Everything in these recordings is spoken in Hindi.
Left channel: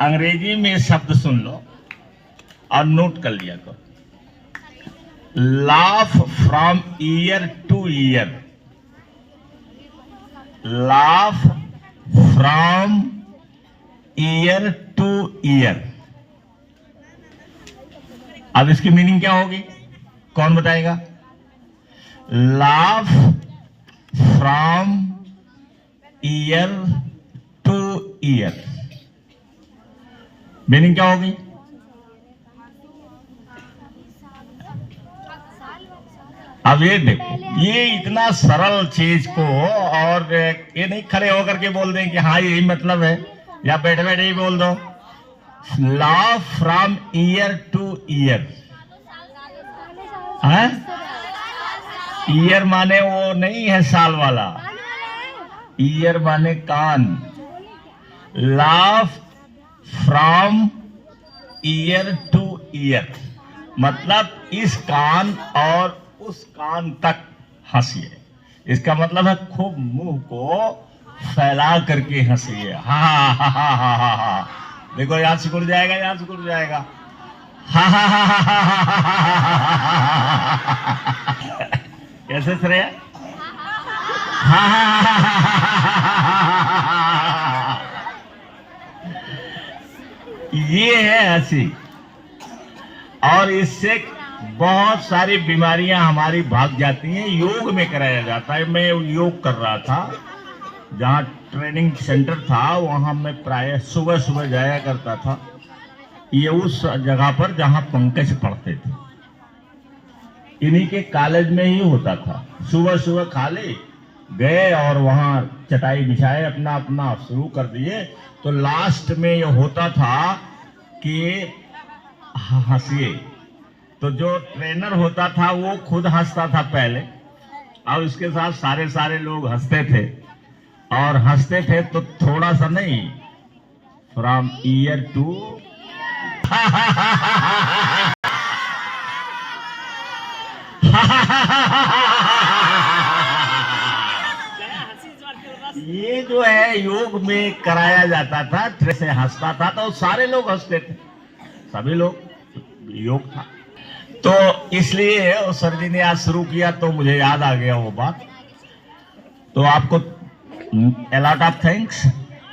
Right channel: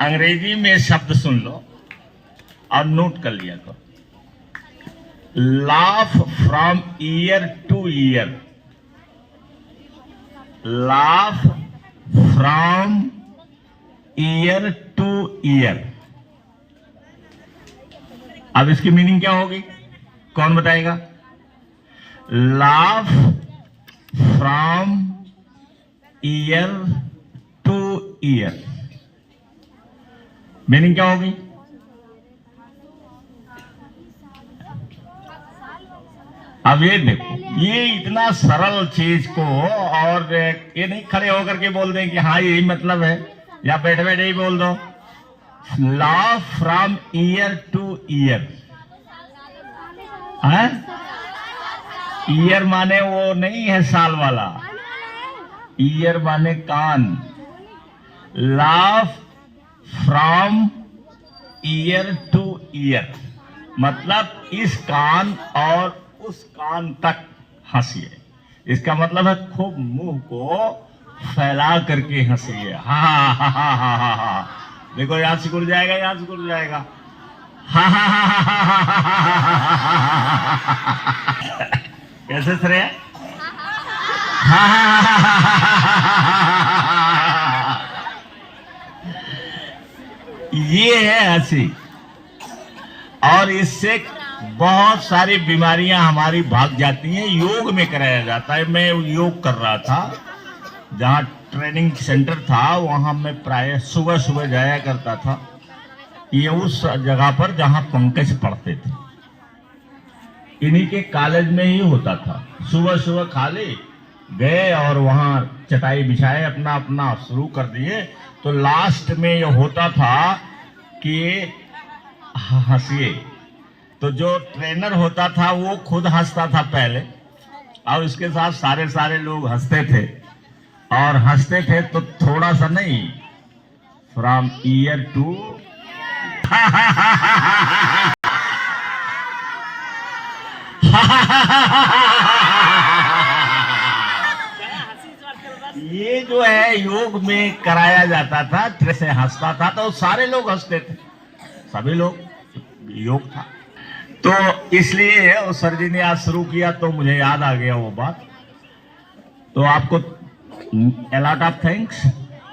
अंग्रेजी में शब्द सुन लो और नोट कर लिया करो। Laugh from ear to year, laugh from ear to year. अब इसकी मीनिंग क्या होगी, कौन बताएगा? Laugh from ear to year, meaning क्या होगी? अब ये देखो, ये इतना सरल चीज को, और ये नहीं खड़े होकर के बोल दें कि हाँ यही मतलब है, या बैठे बैठे ही बोल दो। Law from ear to ear, ear माने वो नहीं है साल वाला, ईयर माने कान। Law from ear to ear मतलब इस कान और उस कान तक हंसिए। इसका मतलब है खूब मुंह को फैला करके हंसिए। हा हा हा हा हा हा, देखो यहाँ सिकुड़ जाएगा, यहाँ सिकुड़ जाएगा। हा हा हा हा हा, कैसे श्रेया? हा हा हा, ये है हंसी। और इससे बहुत सारी बीमारियां हमारी भाग जाती हैं। योग में कराया जाता है। मैं योग कर रहा था, जहाँ ट्रेनिंग सेंटर था वहां मैं प्राय सुबह सुबह जाया करता था। ये उस जगह पर जहां पंकज पढ़ते थे, इन्हीं के कॉलेज में ही होता था। सुबह सुबह खाली गए और वहां चटाई बिछाए, अपना अपना शुरू कर दिए। तो लास्ट में ये होता था कि हंसिए। तो जो ट्रेनर होता था वो खुद हंसता था पहले, और उसके साथ सारे सारे लोग हंसते थे। और हंसते थे तो थोड़ा सा नहीं, फ्रॉम ईयर टू ये जो है योग में कराया जाता था, जैसे हंसता था तो सारे लोग हंसते थे, सभी लोग, योग था। तो इसलिए उस सर जी ने आज शुरू किया तो मुझे याद आ गया वो बात। तो आपको a lot of thanks।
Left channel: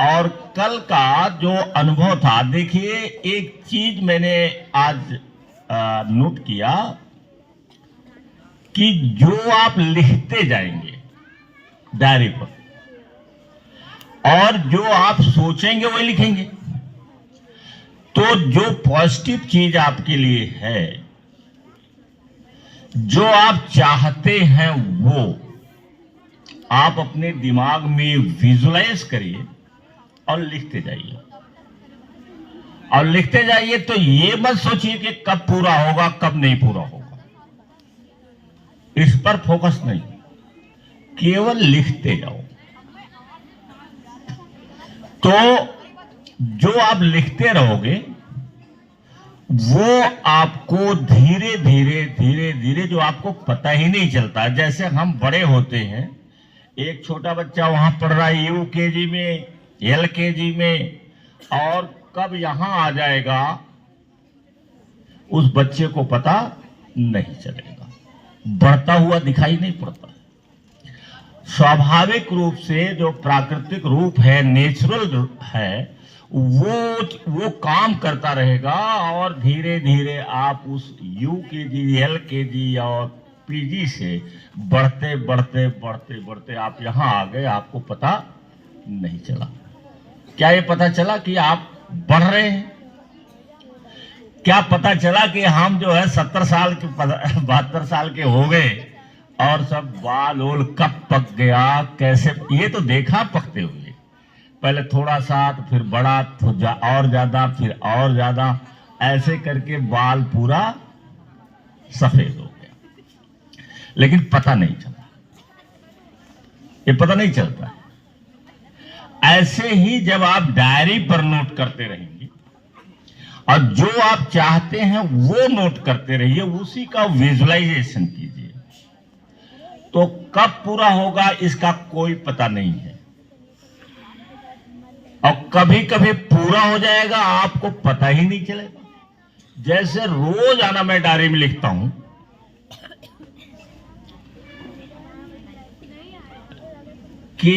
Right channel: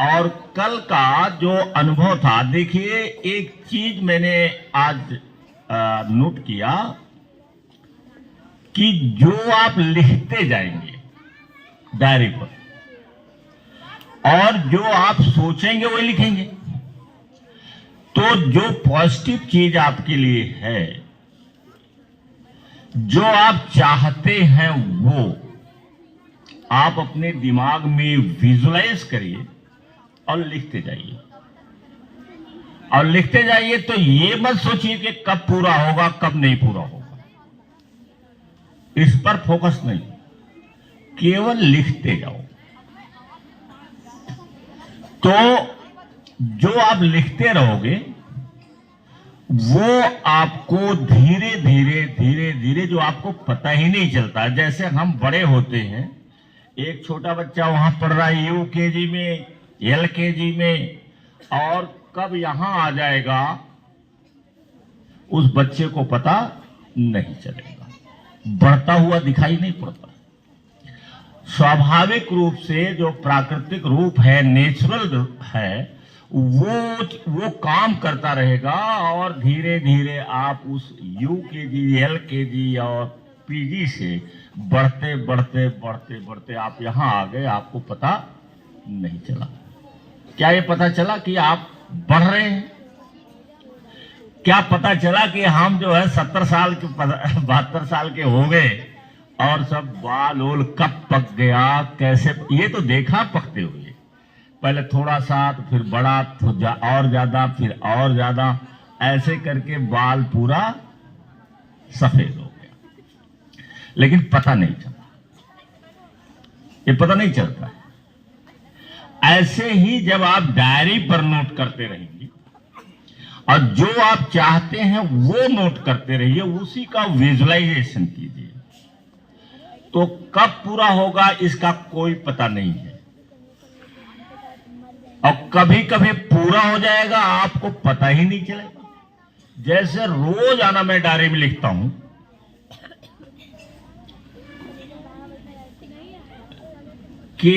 और कल का जो अनुभव था, देखिए एक चीज मैंने आज नोट किया कि जो आप लिखते जाएंगे डायरी पर, और जो आप सोचेंगे वही लिखेंगे, तो जो पॉजिटिव चीज आपके लिए है, जो आप चाहते हैं, वो आप अपने दिमाग में विजुलाइज करिए और लिखते जाइए। और लिखते जाइए तो ये मत सोचिए कि कब पूरा होगा कब नहीं पूरा होगा, इस पर फोकस नहीं, केवल लिखते जाओ। तो जो आप लिखते रहोगे वो आपको धीरे धीरे धीरे धीरे, जो आपको पता ही नहीं चलता, जैसे हम बड़े होते हैं, एक छोटा बच्चा वहां पढ़ रहा है यूकेजी में, एलकेजी में, और कब यहां आ जाएगा उस बच्चे को पता नहीं चलेगा, बढ़ता हुआ दिखाई नहीं पड़ता। स्वाभाविक रूप से जो प्राकृतिक रूप है, नेचुरल है, वो काम करता रहेगा, और धीरे धीरे आप उस यूकेजी, एलकेजी और पीजी से बढ़ते बढ़ते बढ़ते बढ़ते आप यहां आ गए, आपको पता नहीं चला। क्या ये पता चला कि आप बढ़ रहे हैं? क्या पता चला कि हम जो है 70 साल के 72 साल के हो गए और सब बाल ओल कब पक गया, कैसे? ये तो देखा पकते हुए, पहले थोड़ा सा, तो फिर बड़ा, तो और ज्यादा, फिर और ज्यादा, ऐसे करके बाल पूरा सफेद हो गया, लेकिन पता नहीं चला। ये पता नहीं चलता। ऐसे ही जब आप डायरी पर नोट करते रहेंगे और जो आप चाहते हैं वो नोट करते रहिए, उसी का विजुअलाइजेशन कीजिए, तो कब पूरा होगा इसका कोई पता नहीं है। और कभी कभी पूरा हो जाएगा, आपको पता ही नहीं चलेगा। जैसे रोजाना मैं डायरी में लिखता हूं कि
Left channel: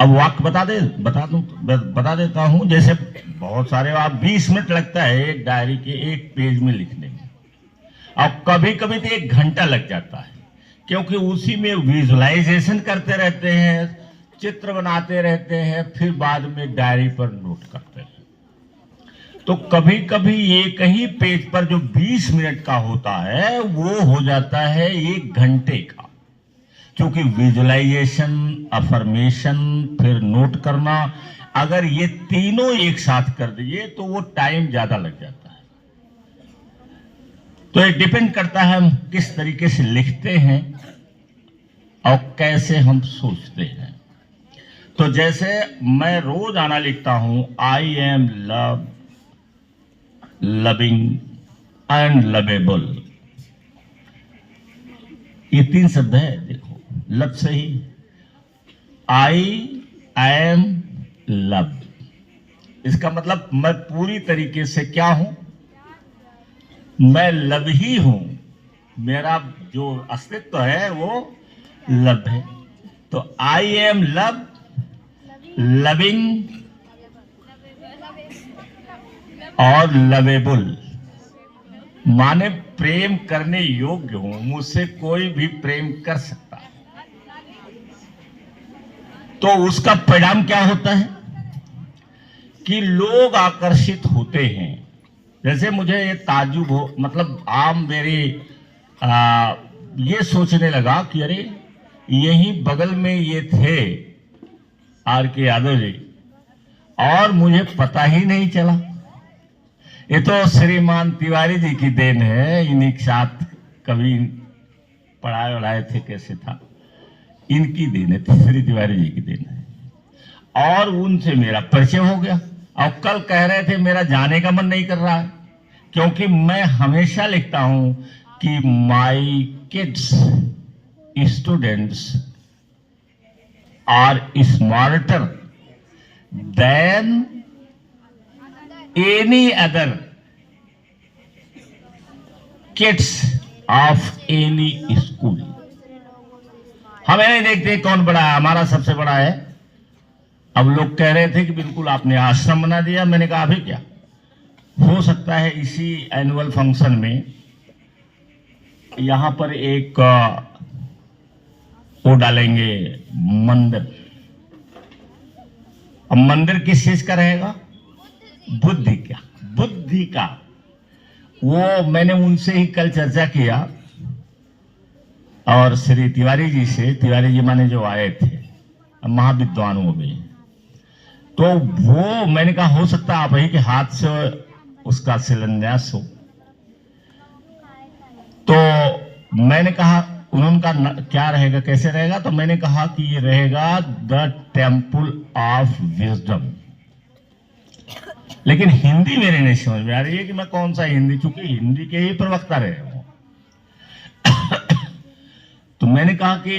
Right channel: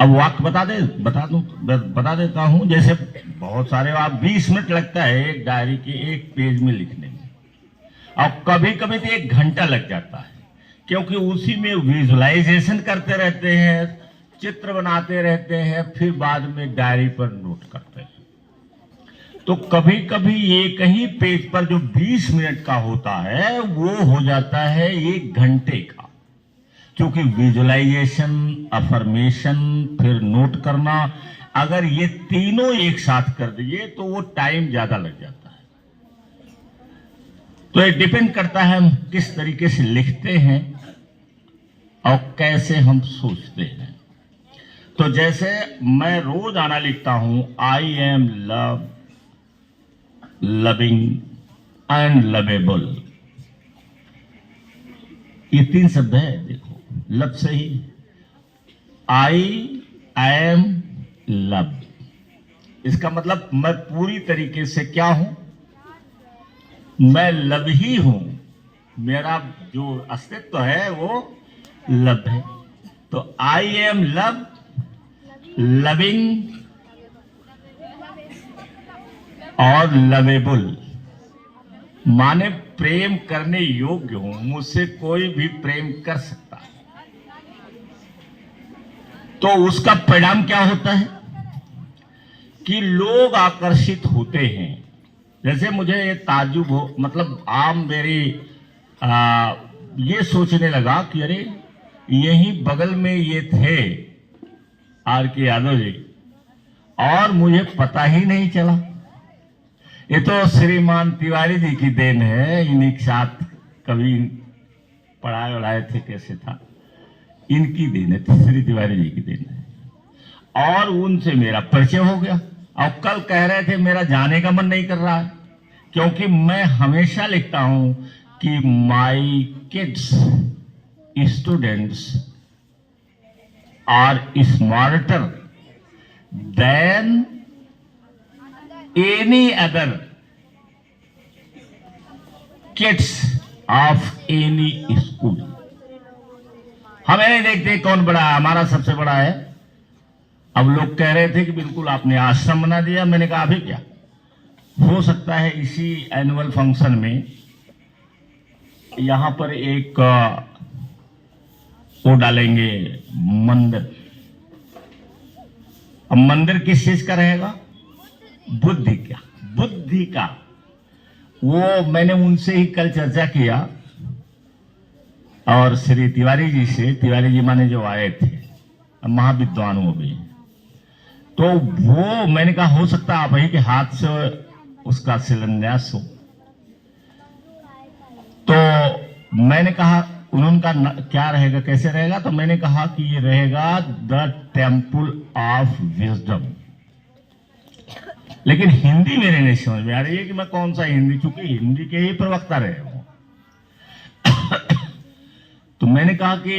अब वाक्य बता देता हूं। जैसे बहुत सारे, आप 20 मिनट लगता है एक डायरी के एक पेज में लिखने में, अब कभी कभी तो 1 घंटा लग जाता है, क्योंकि उसी में विजुअलाइजेशन करते रहते हैं, चित्र बनाते रहते हैं, फिर बाद में डायरी पर नोट करते हैं। तो कभी कभी एक ही पेज पर जो 20 मिनट का होता है वो हो जाता है 1 घंटे का, क्योंकि विजुअलाइजेशन, अफर्मेशन, फिर नोट करना, अगर ये तीनों एक साथ कर दिए तो वो टाइम ज्यादा लग जाता है। तो ये डिपेंड करता है हम किस तरीके से लिखते हैं और कैसे हम सोचते हैं। तो जैसे मैं रोज आना लिखता हूं, I am love, loving and lovable. ये 3 शब्द है, देखो लव से ही, आई एम लव, इसका मतलब मैं पूरी तरीके से क्या हूं, मैं लव ही हूं, मेरा जो अस्तित्व है वो लव है। तो आई एम लव, लविंग और लवेबल, माने प्रेम करने योग्य हूं, मुझसे कोई भी प्रेम कर सकता है। तो उसका परिणाम क्या होता है कि लोग आकर्षित होते हैं। जैसे मुझे ये ताज्जुब हो, मतलब आम मेरी ये सोचने लगा कि अरे यही बगल में ये थे R.K. यादव जी, और मुझे पता ही नहीं चला। ये तो श्रीमान तिवारी जी की देन है, इन्हीं के साथ कभी पढ़ाए थे, कैसे था, इनकी देन है, श्री तिवारी जी की देन है। और उनसे मेरा परिचय हो गया, और कल कह रहे थे मेरा जाने का मन नहीं कर रहा है, क्योंकि मैं हमेशा लिखता हूं कि my kids students are smarter than any other kids of any school. हमें नहीं देखते कौन बड़ा है, हमारा सबसे बड़ा है। अब लोग कह रहे थे कि बिल्कुल आपने आश्रम बना दिया, मैंने कहा अभी क्या हो सकता है, इसी एनुअल फंक्शन में यहां पर एक वो डालेंगे मंदिर। अब मंदिर किस चीज का रहेगा, बुद्धि का। वो मैंने उनसे ही कल चर्चा किया, और श्री तिवारी जी से, तिवारी जी माने जो आए थे, महाविद्वान हो गए, तो वो मैंने कहा हो सकता है आप ही के हाथ से उसका शिलान्यास हो। तो मैंने कहा उनका क्या रहेगा, कैसे रहेगा, तो मैंने कहा कि ये रहेगा द टेम्पल ऑफ विजडम। लेकिन हिंदी मेरे नहीं समझ में आ रही है कि मैं कौन सा हिंदी, चूंकि हिंदी के ही प्रवक्ता रहे हूं। तो मैंने कहा कि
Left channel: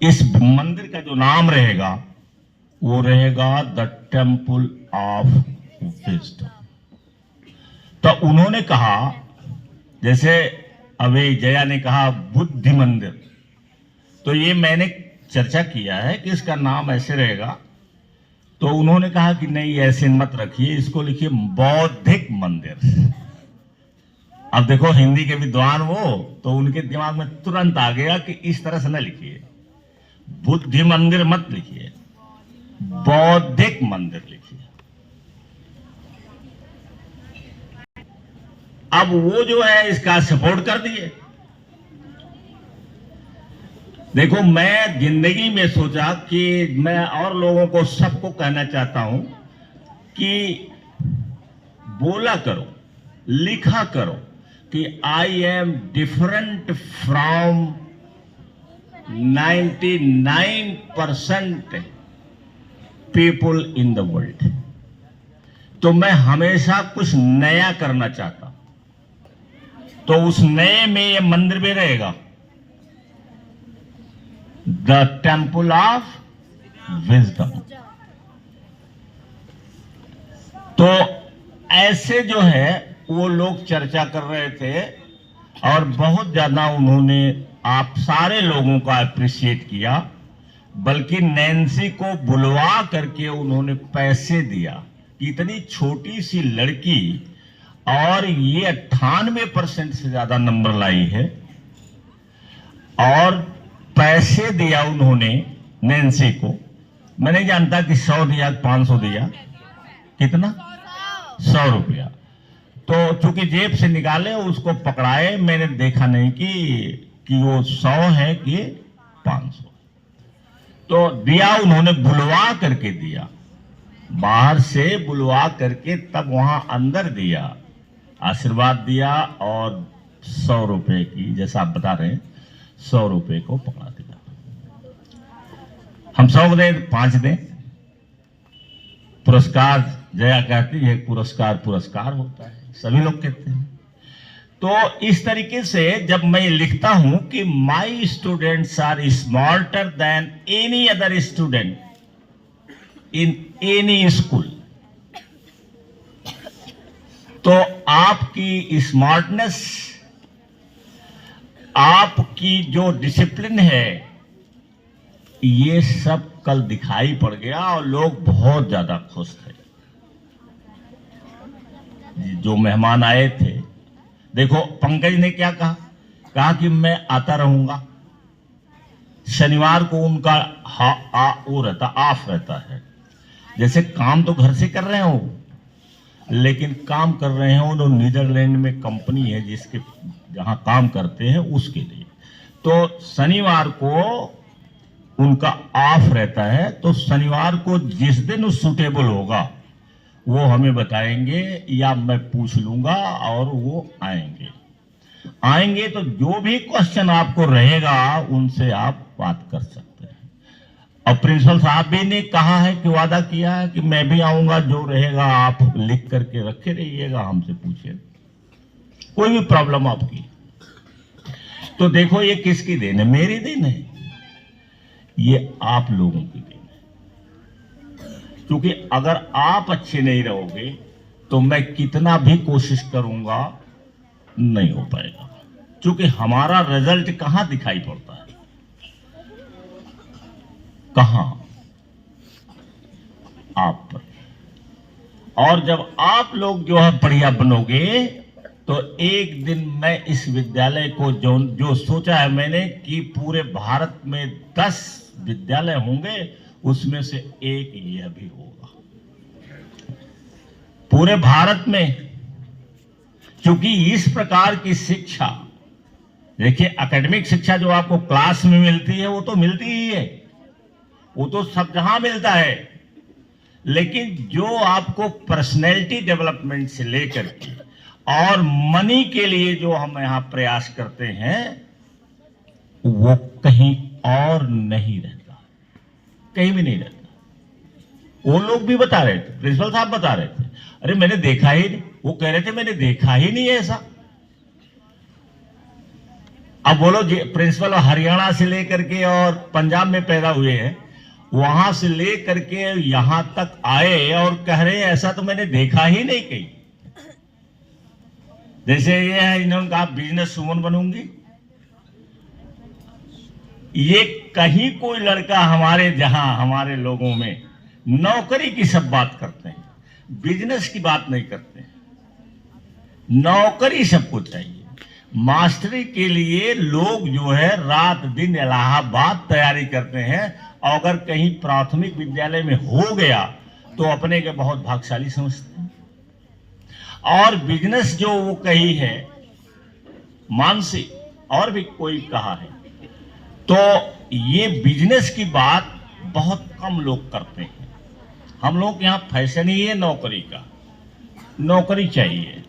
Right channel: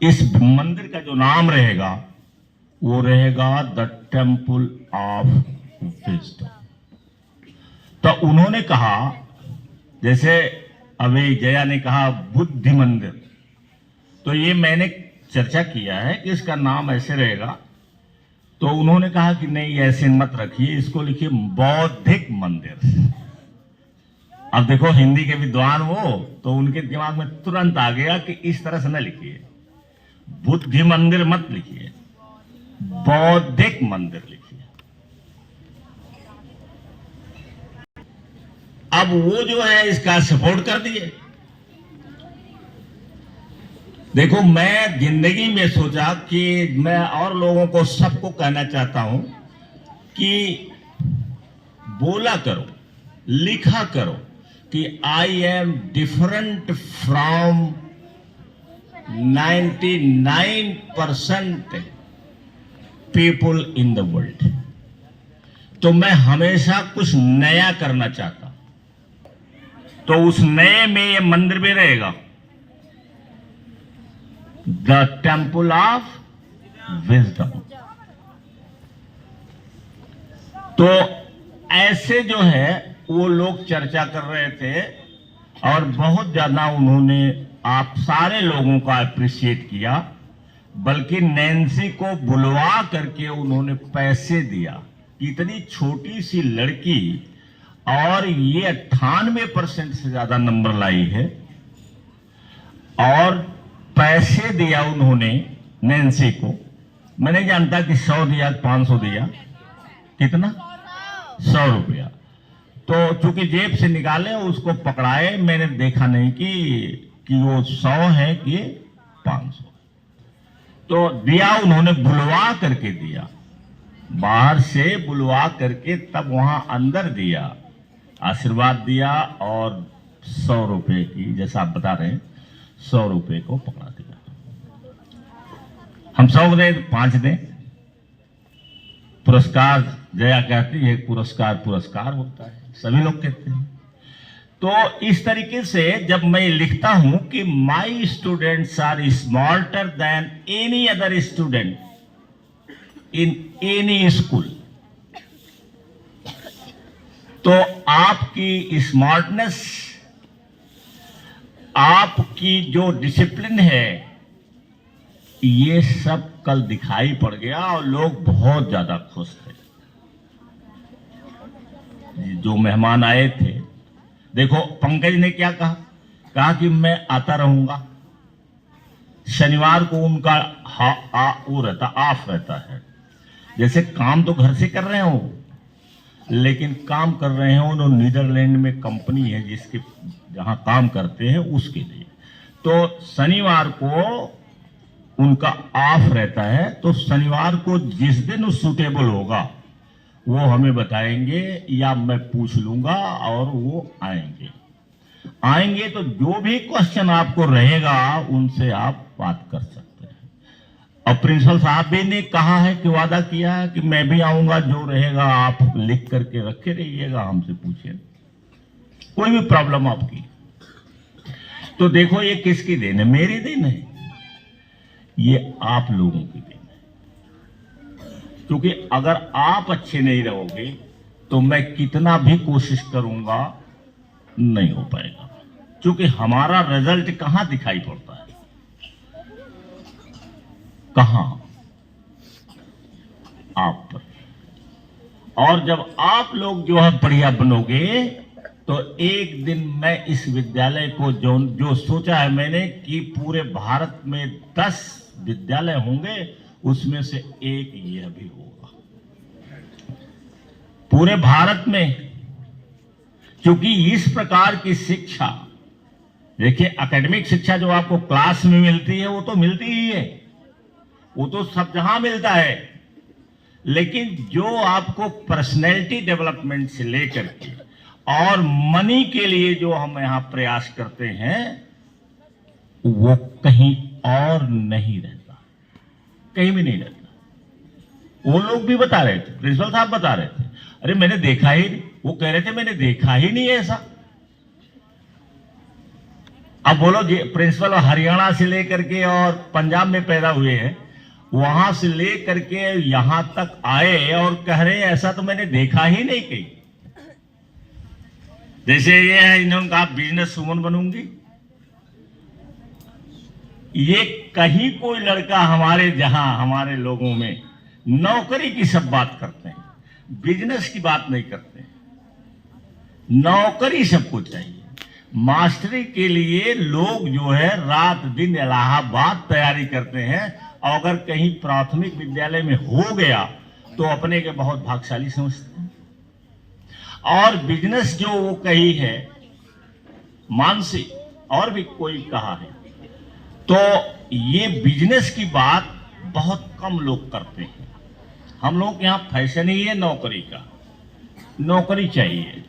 इस मंदिर का जो नाम रहेगा वो रहेगा द टेम्पल ऑफ विजडम। तो उन्होंने कहा, जैसे अभी जया ने कहा बुद्धि मंदिर, तो ये मैंने चर्चा किया है कि इसका नाम ऐसे रहेगा। तो उन्होंने कहा कि नहीं ऐसे मत रखिए, इसको लिखिए बौद्धिक मंदिर। अब देखो हिंदी के विद्वान वो, तो उनके दिमाग में तुरंत आ गया कि इस तरह से न लिखिए, बुद्धि मंदिर मत लिखिए, बौद्धिक मंदिर लिखिए। अब वो जो है इसका सपोर्ट कर दिए। देखो मैं जिंदगी में सोचा कि मैं और लोगों को, सबको कहना चाहता हूं कि बोला करो, लिखा करो कि I am different from 99% people in the world. तो मैं हमेशा कुछ नया करना चाहता, तो उस नए में ये मंदिर भी रहेगा। The temple of wisdom. तो ऐसे जो है वो लोग चर्चा कर रहे थे और बहुत ज्यादा उन्होंने आप सारे लोगों का अप्रिशिएट किया, बल्कि नैन्सी को बुलवा करके उन्होंने पैसे दिया कि इतनी छोटी सी लड़की और ये 98% से ज्यादा नंबर लाई है, और पैसे दिया उन्होंने नैन्सी को। मैं नहीं जानता कि 100 दिया 500 दिया, कितना 100 रुपया। तो चूंकि जेब से निकाले उसको पकड़ाए, मैंने देखा नहीं कि वो 100 है कि 500। तो दिया उन्होंने, बुलवा करके दिया, बाहर से बुलवा करके तब वहां अंदर दिया, आशीर्वाद दिया और 100 रुपए की, जैसा आप बता रहे हैं 100 रुपए को पकड़ा दिया। हम 100 दें 5 दें, पुरस्कार जया कहती है पुरस्कार पुरस्कार होता है, सभी लोग कहते हैं। तो इस तरीके से जब मैं लिखता हूं कि my students are smarter than any other student in any school, तो आपकी स्मार्टनेस, आपकी जो डिसिप्लिन है, ये सब कल दिखाई पड़ गया और लोग बहुत ज्यादा खुश थे। जो मेहमान आए थे, देखो पंकज ने क्या कहा कि मैं आता रहूंगा। शनिवार को उनका वो रहता, ऑफ रहता है। जैसे काम तो घर से कर रहे हो, लेकिन काम कर रहे हैं उन्होंने नीदरलैंड में कंपनी है जिसके जहां काम करते हैं उसके लिए। तो शनिवार को उनका ऑफ रहता है, तो शनिवार को जिस दिन सूटेबल होगा वो हमें बताएंगे या मैं पूछ लूंगा और वो आएंगे। तो जो भी क्वेश्चन आपको रहेगा उनसे आप बात कर सकते हैं। और प्रिंसिपल साहब भी ने कहा है कि वादा किया है कि मैं भी आऊंगा, जो रहेगा आप लिख करके रखे रहिएगा, हमसे पूछिए कोई भी प्रॉब्लम आपकी। तो देखो ये किसकी देन है? मेरी देन है, ये आप लोगों की देन है। क्योंकि अगर आप अच्छे नहीं रहोगे तो मैं कितना भी कोशिश करूंगा नहीं हो पाएगा। क्योंकि हमारा रिजल्ट कहां दिखाई पड़ता है? कहां? आप पर। और जब आप लोग जो है बढ़िया बनोगे तो एक दिन मैं इस विद्यालय को जो सोचा है मैंने कि पूरे भारत में 10 विद्यालय होंगे, उसमें से एक यह भी होगा पूरे भारत में। क्योंकि इस प्रकार की शिक्षा, देखिए एकेडमिक शिक्षा जो आपको क्लास में मिलती है वो तो मिलती ही है, वो तो सब जहां मिलता है, लेकिन जो आपको पर्सनैलिटी डेवलपमेंट से लेकर के और मनी के लिए जो हम यहां प्रयास करते हैं वो कहीं और नहीं रहता, कहीं भी नहीं रहता। वो लोग भी बता रहे थे, प्रिंसिपल साहब बता रहे थे, अरे मैंने देखा ही नहीं, वो कह रहे थे मैंने देखा ही नहीं ऐसा। अब बोलो प्रिंसिपल हरियाणा से लेकर के और पंजाब में पैदा हुए हैं, वहां से लेकर के यहां तक आए और कह रहे हैं ऐसा तो मैंने देखा ही नहीं कहीं। जैसे ये है, इन्होंने कहा बिजनेस वुमन बनूंगी, ये कहीं कोई लड़का हमारे जहां हमारे लोगों में नौकरी की सब बात करते हैं, बिजनेस की बात नहीं करते हैं। नौकरी सबको चाहिए। मास्टरी के लिए लोग जो है रात दिन इलाहाबाद तैयारी करते हैं, और अगर कहीं प्राथमिक विद्यालय में हो गया तो अपने के बहुत भाग्यशाली समझते हैं। और बिजनेस जो वो कही है, मानसी और भी कोई कहा है, तो ये बिजनेस की बात बहुत कम लोग करते हैं। हम लोग यहाँ फैशन ही है नौकरी का, नौकरी चाहिए।